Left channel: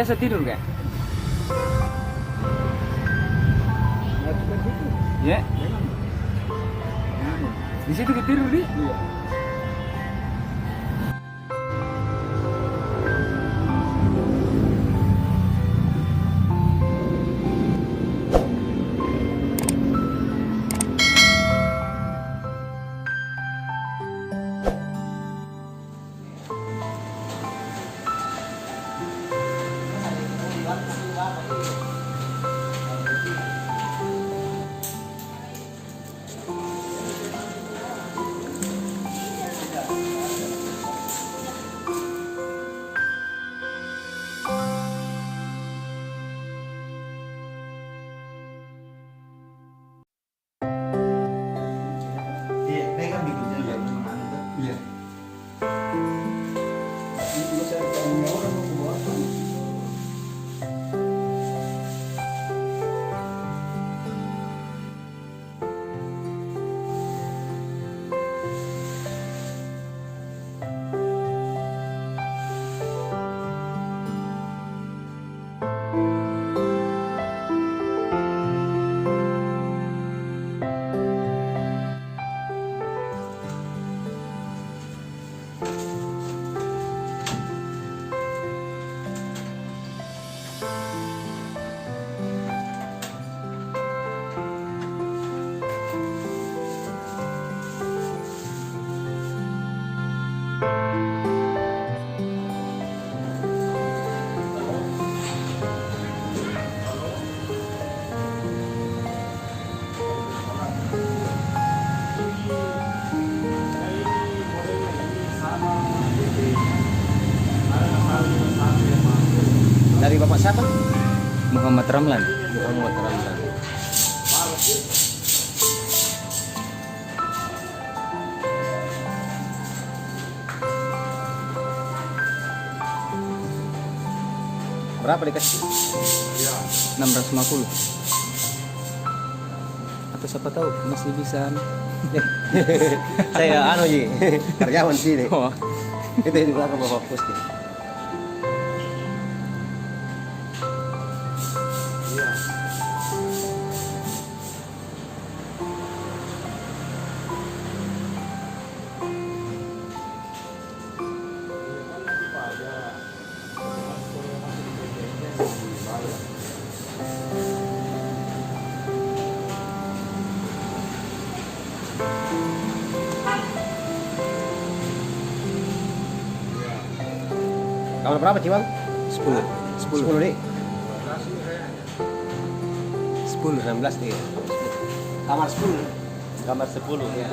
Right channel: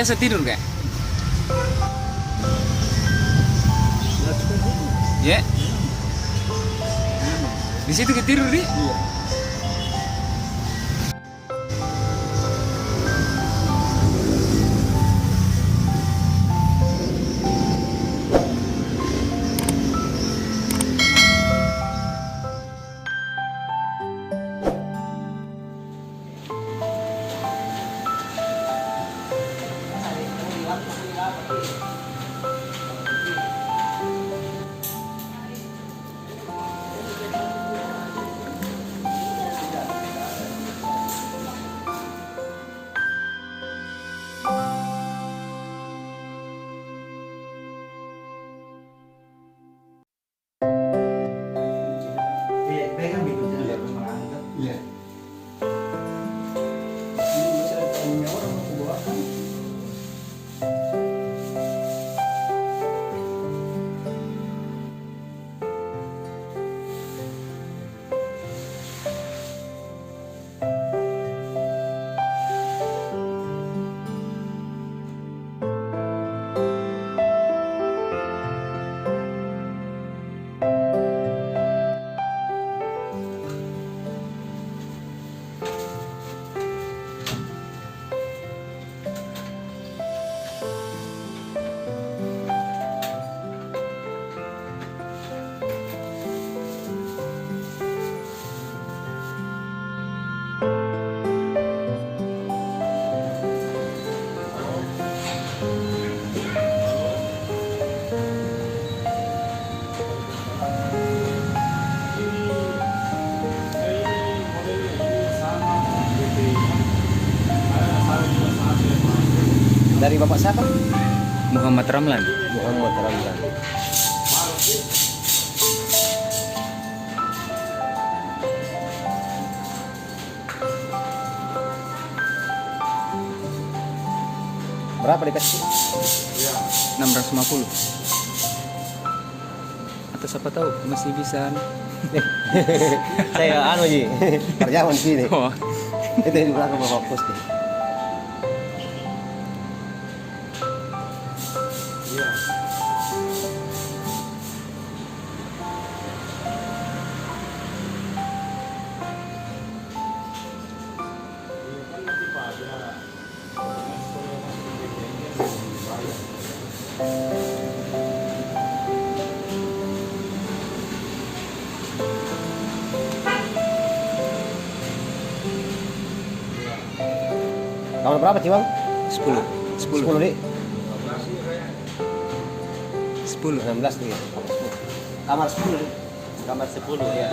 biasa tidur kan? Ya? Di situ ke tidur nih? Đây kan bikin jalan menang kan? Iya. Ini saya tahu orang mau buat kan? Dari Bapak siapa? Muhammad Ramlan. Muhammad Ramlan. Berapa dikasih? 650. Atau siapa tahu masih bisa. Saya anu ji, karyawan sini. Oh. Itu di belakang Bapak Pus. Kamar berapa sih bang? 10. 10. 10 nih. 10. 16 nih. Kamar 10. Kamar 10 ya.